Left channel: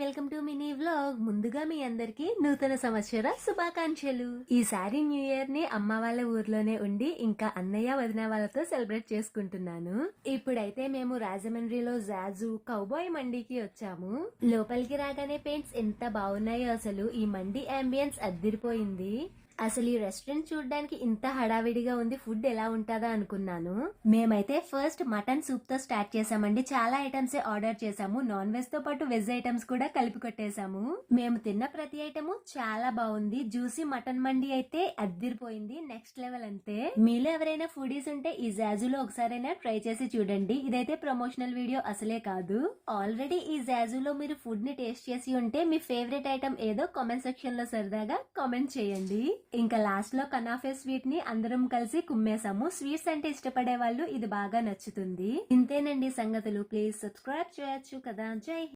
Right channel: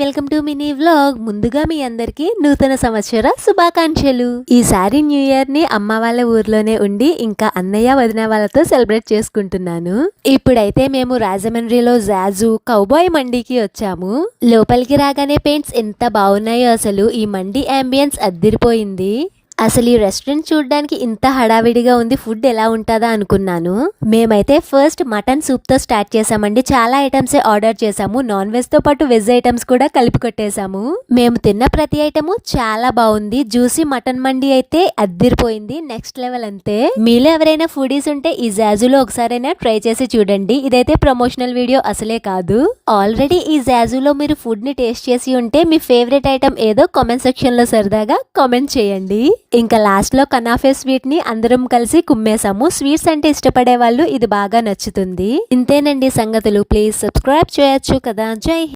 Welcome to mini vlog. ముందుగా మీ అందరికి నూతన సంవత్సర శుభాకాంక్షలు. ఈసారి న్యూ ఇయర్ ని అమ్మ వాళ్ళ ఊర్లోనే ఉండి ఇంకా అన్నయ్య వదిన వాళ్ళతో సెలబ్రేట్ చేసుకుంటున్నాను. ఇప్పుడైతే మేము రాజమండ్రిలో జాజు కౌబాయ్ మండీకి వచ్చాము. లోపలికి రాగానే పెయింట్స్ ఎంత బాగున్నాయో, అసలు ఈ మండీ అంబియన్స్ అద్దిరిపోయింది. అసలు ఈ రెస్టారెంట్ చూడడానికి ఇంత హడావిడిగా ఉంది, ఫుడ్ ఎలా ఉంటుందా అనుకున్నాను. మేమైతే ఫస్ట్ మటన్ సూప్ తో స్టార్ట్ చేసామండి. చాలా ఐటమ్స్ ఆర్డర్ చేసాము. నాన్ వెజ్ తో పాటు వెజ్ ఐటమ్స్ కూడా కలిపి కొట్టేసాము. మేము తిన్న ప్రతి ఐటమ్ చాలా బాగుంది. జ్యూసీ మటన్ మండి అయితే అద్దిరిపోయింది, నెక్స్ట్ లెవెల్ అంతే. మీలో ఎవరైనా ఫుడీస్ ఉంటే ఈ జాజులో ఒకసారైనా ట్రై చేసి చూడండి. ఇదైతే ప్రమోషనల్ వీడియో అసలే కాదు. ఆల్రెడీ ఈ జాజులో మీరు ఫుడ్ ని టేస్ట్ చేసి ఉంటే మీ ఫేవరెట్ ఐటమ్ ఏదో కామెంట్ సెక్షన్ లో సరదాగా కామెంట్ చేయండి. ఇంకా లాస్ట్ లో కనాఫే స్వీట్ ని అందరం కలిసి కుమ్మేసాము. స్వీట్స్ అంటే ఇష్టపడే వాళ్ళు ఇది బాగా నచ్చుతుంది. ఇంతేనండి సంగతులు. ప్లీజ్ సబ్స్క్రైబ్ చేయొచ్చు కదా. జై